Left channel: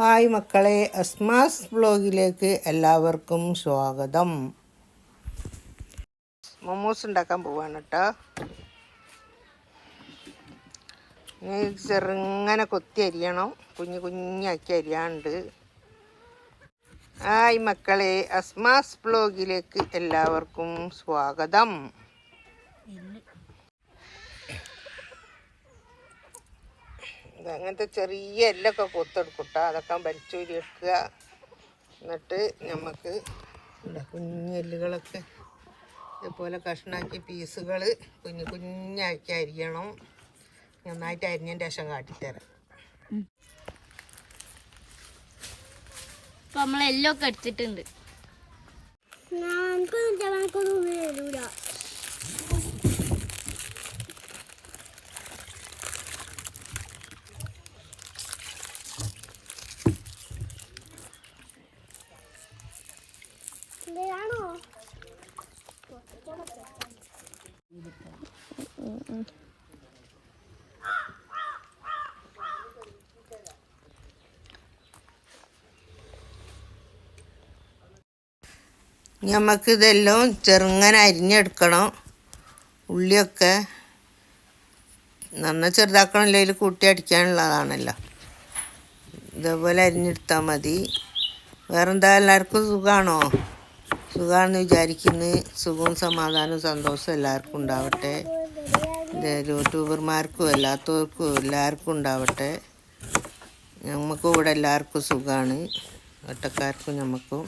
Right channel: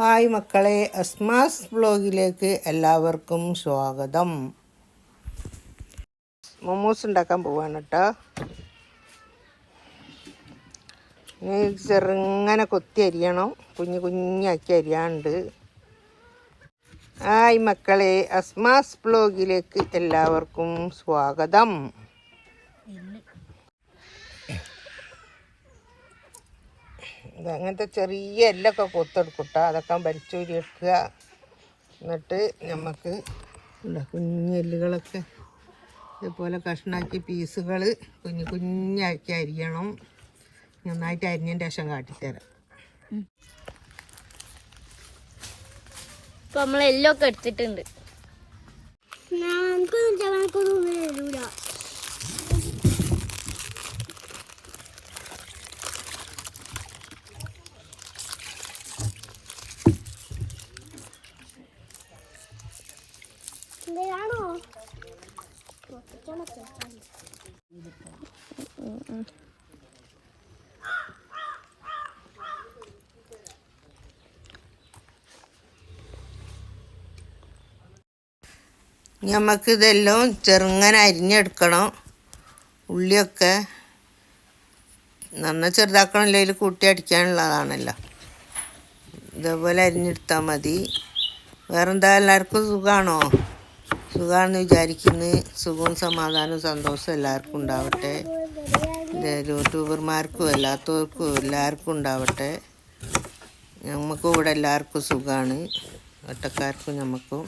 Hi മക്കളെ അസ്മാസ് ബ്ലോഗിലേക്ക് എല്ലാവർക്കും സ്വാഗതം. മൊമോസ് ഉണ്ടാക്കാൻ പോവാണ് കേട്ടോ ചെറുങ്ങനെ കൊത്തി അരിയണം. കുഞ്ഞു കുഞ്ഞാക്കി അരിയാണ്ട്. ഹായ് മക്കളെ അസ്മാസ് ബ്ലോഗിലേക്ക് എല്ലാവർക്കും സ്വാഗതം. ഇത് അങ്ങനത്തെ ചെറിയ എല്ലൊക്കെ കൊത്തെടുക്കട്ടെ. അതൊക്കെ വലിച്ചൂരി എടുക്കുക. എന്നിട്ട് നമുക്ക് കുഞ്ഞു എല്ലുകളൊക്കെ ഇതുപോലെ കഷ്ണാക്കി പീസുകൾ കുഞ്ഞു കുഞ്ഞാക്കി അരിയണം. നന്നായിട്ട് അരിഞ്ഞതിന്റെ ശേഷം കാട്ടിത്തരാം. ഇപ്പൊ നമ്മൾ എല്ലൊക്കെ എടുത്തിട്ടുണ്ട്. നമുക്ക് ഇതെല്ലാം ചെറുങ്ങനെ അരിഞ്ഞെടുക്കണം. ഉള്ളിയൊക്കെ നന്ന ചെറുതാക്കണമല്ലോ ഇല്ലെങ്കിൽ കൂട്ടി അടിക്കാനുള്ളതാണല്ലോ. ഇതേപോലെ അരിഞ്ഞെടുത്താൽ മതി. വേറെന്താ എല്ലാവർക്കും സുഖമാണോ സുഖമാണെന്ന് വിചാരിക്കുന്നു. സുഖവും സമാധാനവും സന്തോഷവും എല്ലാവർക്കും ഉണ്ടാവട്ടെ. യൂട്യൂബർമാർക്കും അല്ലാത്തവർക്കും എല്ലാവർക്കും ഉണ്ടാവട്ടെ. നമുക്കും ഇവിടെ എല്ലാവർക്കും സുഖമാണ് ഒറ്റക്കാർക്കും നമുക്കും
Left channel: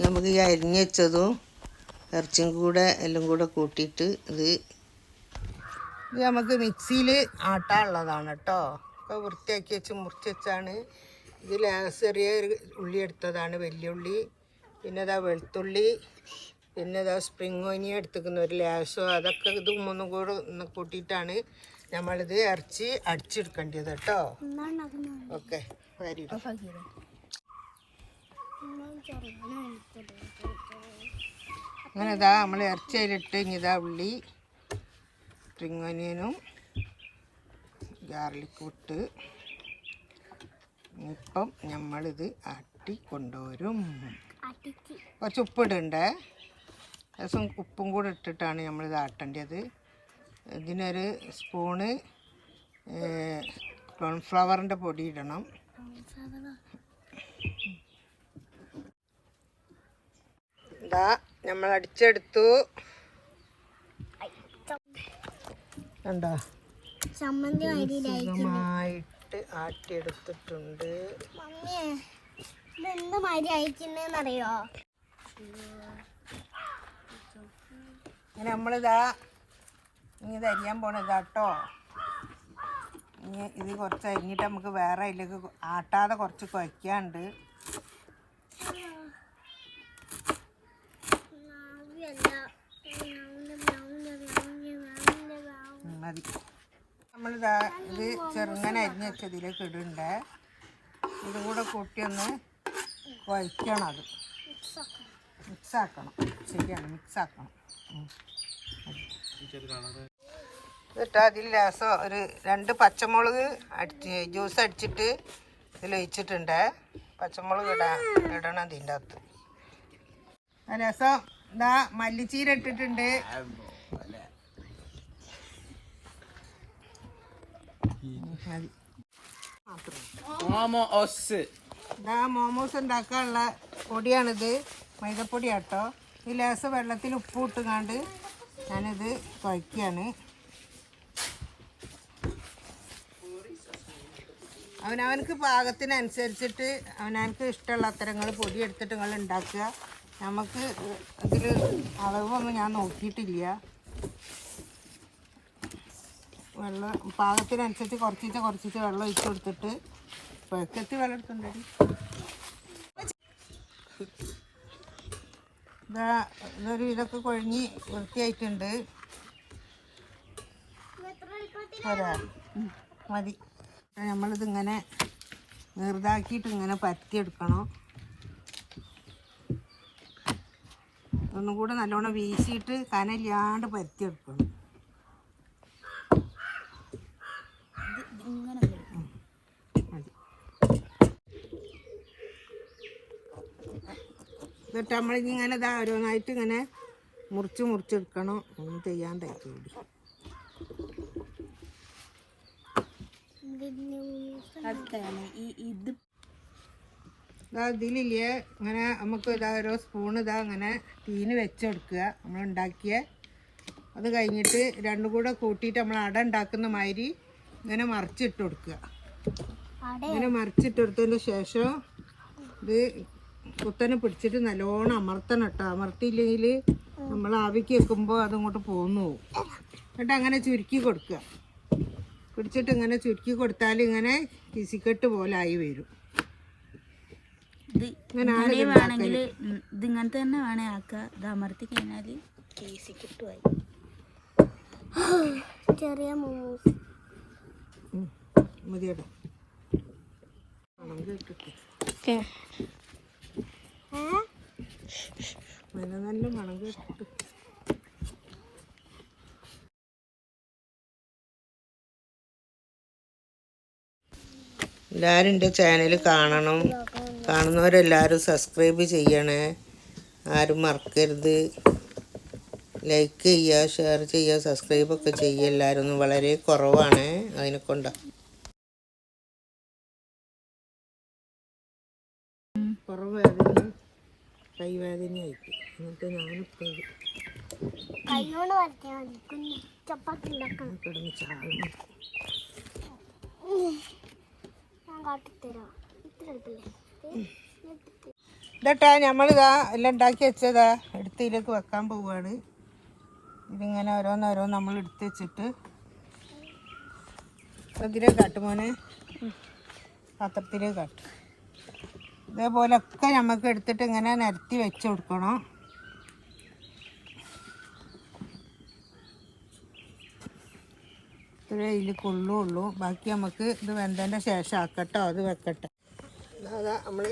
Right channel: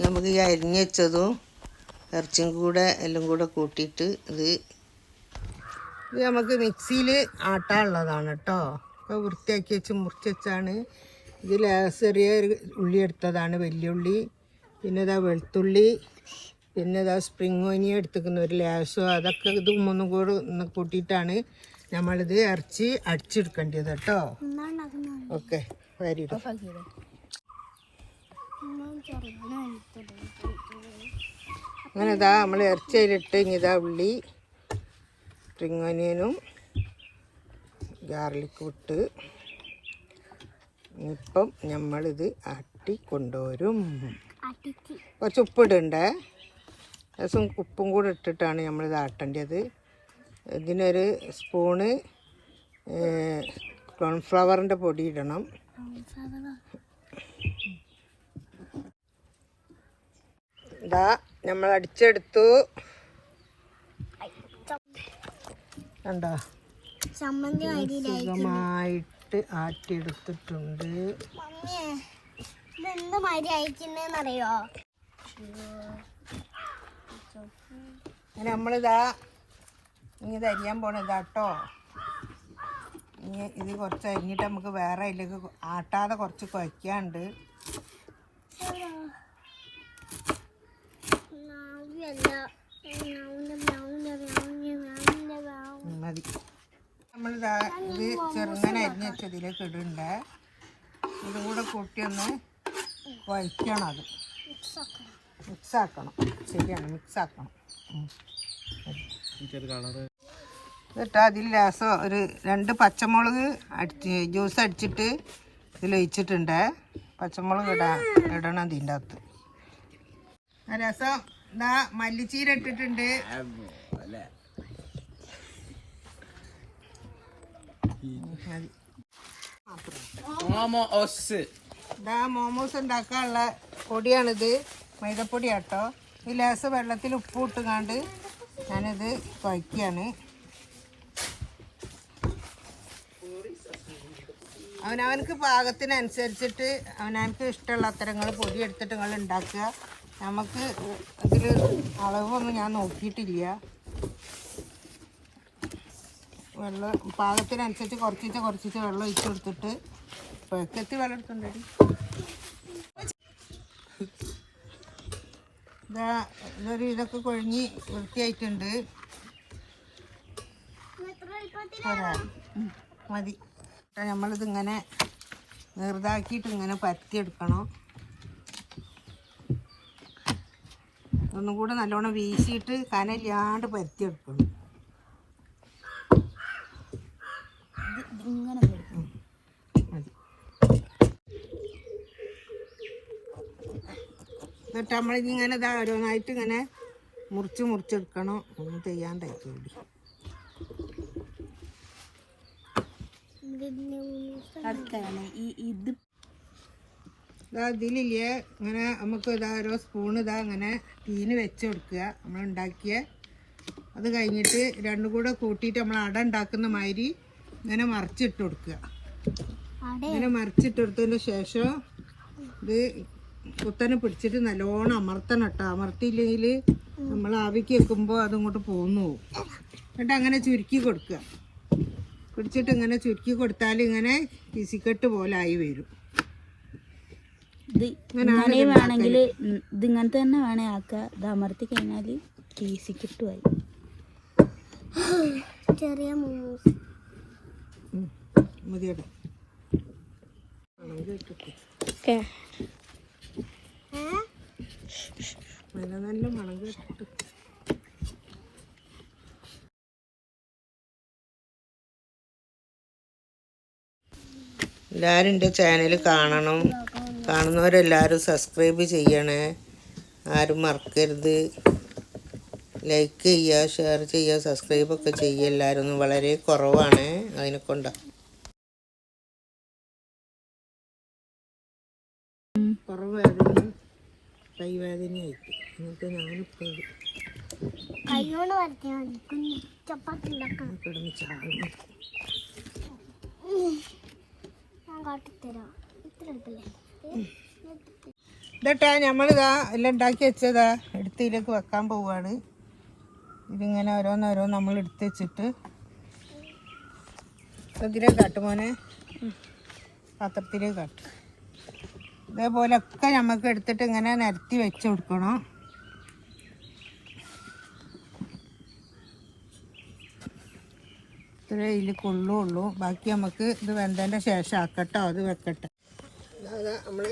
നമുക്ക് ഈ അരിഞ്ഞ് വെച്ചതും ഇറച്ചിയും കൂടെ എല്ലാം കൂടെ കൂട്ടിയിട്ട് ഇത് ഇത് നമുക്ക് മിക്സിയിൽ ആട്ടാനുള്ളതാണ് കേട്ടോ. ഇപ്പോൾ വൃത്തിയാക്കി വെച്ച് മുറിച്ച് വെച്ചാണ്. ഇതിൽ ചെറിയ ഒരു ഉള്ളി എടുത്തതാണ് വലിയുള്ളി പിന്നെ ഇതാ വെളുത്തുള്ളി. പിന്നെ ഇതാ സ്പ്രിങ് ഓനിയ എടുത്തിരിക്കുന്ന ഒരു ലാസോ. അതൊക്കെ ഇത് മൂന്നും കൂടെ ഒന്ന് കൂട്ടിയിട്ടാണ് നമ്മളിത് ഇറച്ചി അടിച്ചെടുക്കേണ്ടത് കേട്ടോ. ഓക്കെ വെരി അങ്ങനെ ഇതാ നമ്മൾ ഇറച്ചിയിലിട്ട് ഇനി ഇതാ ഉള്ളി സ്പ്രിങ് ഒനിയനും ഗാർലിക് ഇട്ട് ഇപ്പം നമ്മളിത് ആട്ടി കൊണ്ടുവരും. കുറച്ച് ഉപ്പിടണ്ടേ? ദിവസം ഉപ്പും കൂടെ ഇട്ടിട്ടാണ് നമ്മളിത് ആട്ടേണ്ടത്. ഇതിനൊരു സ്പൂണ് കോൺഫ്ലവറിന്റെ പൊടി ഇടണം. ഇതാ നമ്മൾ അടിച്ചെടുത്തു. കണ്ടോ? സുഖമായിട്ട് ആട്ടിയെടുത്തിട്ടുണ്ട് നമ്മളിതാ ഇനി ഇത് അരിയാൻ പോണതാ കേട്ടോ ഇനി ഇത് കുറച്ച് അരിഞ്ഞിട്ട് നമുക്ക് വേറെ അതിലേക്ക് ആട്ടാതെ കുറച്ച് കുഴയ്ക്കാണ്ട് മതി. നമ്മളിതാ ഇത് ചെറുങ്ങനെ അരിഞ്ഞ് വെച്ചതിലേക്ക് ഇടണ്ട. ഇതുകൂടെ കൂട്ടിയൊന്ന് കുഴയ്ക്കണം അത്. മിക്സ് ആക്കണം ശരിയാണ് മിക്സ് ആക്കണം ഉം. എന്നിട്ട് അതിൽ രസം ഒരു രണ്ട് പച്ചമുളക് അടിച്ച് ജ്യൂസ് അടിച്ചിട്ട് ഇതിലൊഴിച്ചിട്ടുണ്ട് പച്ചമുളക് ഇടാ ഇടണം ഇതിന്റെ അകത്ത്. രസം. ഇതാ മല്ലിച്ചീര ഇട്ടിട്ടുണ്ട്. മോമോസ് ഉണ്ടാക്കാനുള്ള പൊടിയാണിത്. മൈദപ്പൊടി കേട്ടോ ഈ ലേസ് വെള്ളത്തിൽ ഉപ്പ് ഇട്ടുകാണ്ട് ഞാനിത് കുഴക്കുകയാണ് അവനവനക്ക് പാകത്തിനനുസരിച്ചിട്ട് അവനവനക്ക് ഇഷ്ടമുള്ള അത്തരങ്ങൾ പൊടി എടുത്തിട്ട് നിങ്ങൾ ഉണ്ടാക്കുക. നമുക്ക് ഇതിൽ അളവൊന്നും ഞാൻ നോക്കിയിട്ടില്ല. വെള്ളം പാകത്തിനനുസരിച്ച് കുറച്ചിട്ട് കുറച്ചിട്ട് വെള്ളം ഒഴിച്ചു കൊടുത്തിട്ട് പെക്കറ്റ് വെള്ളം എടുത്തുണ്ടടി. ഇതൊക്കെ കൊഴിഞ്ഞ് വൃത്തിയായിട്ടുണ്ട്? മതി. നമ്മളിത് ഇങ്ങനെ നീർതാക്കിയിട്ട് ഇങ്ങനെ പരത്തിയെടുക്കണം ഒന്നും കൂടെ നല്ലോണം വീശിയിട്ട് കനയില്ലാണ്ട് എടുക്കും എന്നിട്ട് നമ്മളിങ്ങനെ ഇത് ഓരോന്നായിട്ട് ഇങ്ങനെ മുറിച്ച് മുറിച്ചെടുക്കണം. ഒന്നും ചെയ്യാൻ തയ്ക്കൂടി അതൊക്കെ ഇതാ ഇതിലില്ലേ ഇങ്ങനെ നമുക്ക് ഇതാ ഓരോ സ്പൂൺ ഇതാ അങ്ങനെ തീന് വെച്ചെടുക്കുക. നമ്മൾ ഉണ്ടാക്കിയ അത് കഴിഞ്ഞിട്ട് രണ്ടും കൂടെ കൂട്ടിയിട്ട് നമ്മൾ അട ഉണ്ടാക്കുന്ന മാതിരി ഇങ്ങനെ മറിച്ചിട്ട് കൊടുക്കുക. ഇങ്ങനെ മറിച്ചിട്ട് കൊടുത്തതിന് ശേഷം ഇത് കുത്തനെ പിടിച്ചിട്ട് നല്ലോണം അമർത്തണം കേട്ടോ. അമർത്തിയില്ലെങ്കിൽ നമ്മൾ ആവിക്ക് വെക്കുമ്പോൾ അതങ്ങോട്ട് പോന്നു പോകും എന്നിട്ട് അങ്ങനെ ചുരുക്കി കൊടുക്കുക. പിടിച്ചിട്ട് ഇങ്ങനെ ചുരുക്കി കൊടുത്താൽ ഇങ്ങനെ കിസിക്കെട്ട് പോലെ ആയി വരും. ഇത് ഇങ്ങനെ വേണമെങ്കിൽ ഇത് ഇങ്ങനത്തെ തന്നെ വേണേ ആക്കുക ഇത് അമർത്തി കഴിഞ്ഞാൽ ഈസി കിട്ടുമായി ചെറിയ നല്ല മണം കേട്ടിട്ട് എല്ലാവരും എന്റെ ചാനൽ കാണണം. കാണുന്നവരെല്ലാവരും സബ്സ്ക്രൈബ് ചെയ്യണേ. ആരും മറക്കരുത്. ലൈക്ക് ചെയ്യുക ഷെയർ ചെയ്യുക സബ്സ്ക്രൈബൊക്കെ ചെയ്യുക എല്ലാവരും ഒന്ന് വളരെ കുറവാണ് അതിനെ കൊണ്ടാ. പുറവേദന കൈവേദനയായിട്ട് എന്നിട്ട് ഞാനിപ്പോൾ കിടന്ന് ചാടുന്നു ഞാൻ കാട്ടിത്തരാം. ഇത്ര എളുപ്പമില്ലേ ഇതട്ടാ നമ്മളിതാ എല്ലാം ഉണ്ടാക്കി വെച്ചതാ. എടുത്തിലേക്ക് വെക്കാൻ പോവാണ്. ഇതിങ്ങനെ ഓരോന്നോരോന്ന് നമ്മൾ എടുത്ത് വെച്ചിട്ട്. ഇതിലേക്ക് പത്രത്തിലേക്ക് മോനെ. പാത്രത്തിലേക്ക് കാട്ട്. ഇതേപോലെ ഒക്കെ നമുക്ക് എടുത്തിട്ട് ഇങ്ങനെ നിരത്തി വെച്ച് കൊടുക്കണം. ഇത്രേ ഇതിൽ കൊള്ളുള്ളൂ. ബാക്കി നമുക്ക് ഇത് വെന്തതിന്റെ ശേഷം ആക്കട്ടോ. അത് വെക്കട്ടെ. നമ്മൾ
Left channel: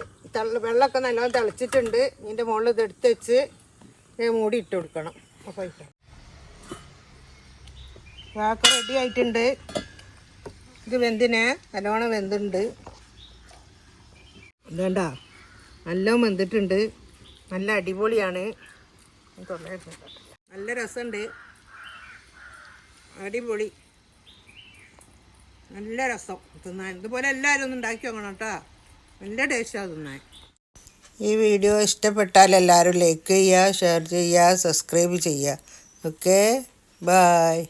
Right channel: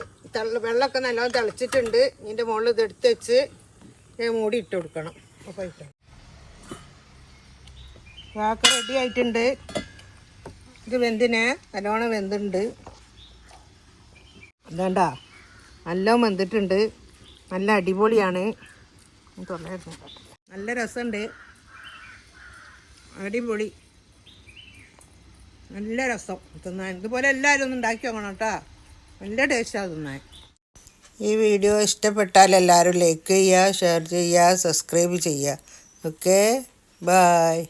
വെള്ളമൊക്കെ നല്ലോണം തിളച്ചിട്ടുണ്ട്. ഇതിന്റെ മുകളിൽ ഇത് എടുത്ത് വെച്ച് മൂടി ഇട്ട് കൊടുക്കണം. അപ്പോൾ ഇട്ടോ. വാക്ക് റെഡി ആയിട്ടുണ്ട്. ഇത് വെന്തിന്. നല്ലോണം വെന്തുണ്ട് ഇതാണ്ടാ. നല്ല വെന്തിട്ടുണ്ട്. നല്ല അടിപൊളിയാണ്. തൊള്ളായിരുന്നു നല്ല രസമുണ്ട്. അടിപൊളി. നല്ല രസം. തിന്നാൻ. ഇതുപോലെ എല്ലാവരും ഒന്ന് ഉണ്ടാക്കി നോക്കണം കേട്ടോ. നല്ല ടേസ്റ്റാണ് തിന്നാൻ. ഈ വീഡിയോ ഇഷ്ടപ്പെട്ടാൽ എല്ലാവരും ലൈക്ക് ചെയ്യുക ഷെയർ ചെയ്യുക സബ്സ്ക്രൈബ് ചെയ്യുക. Okay bye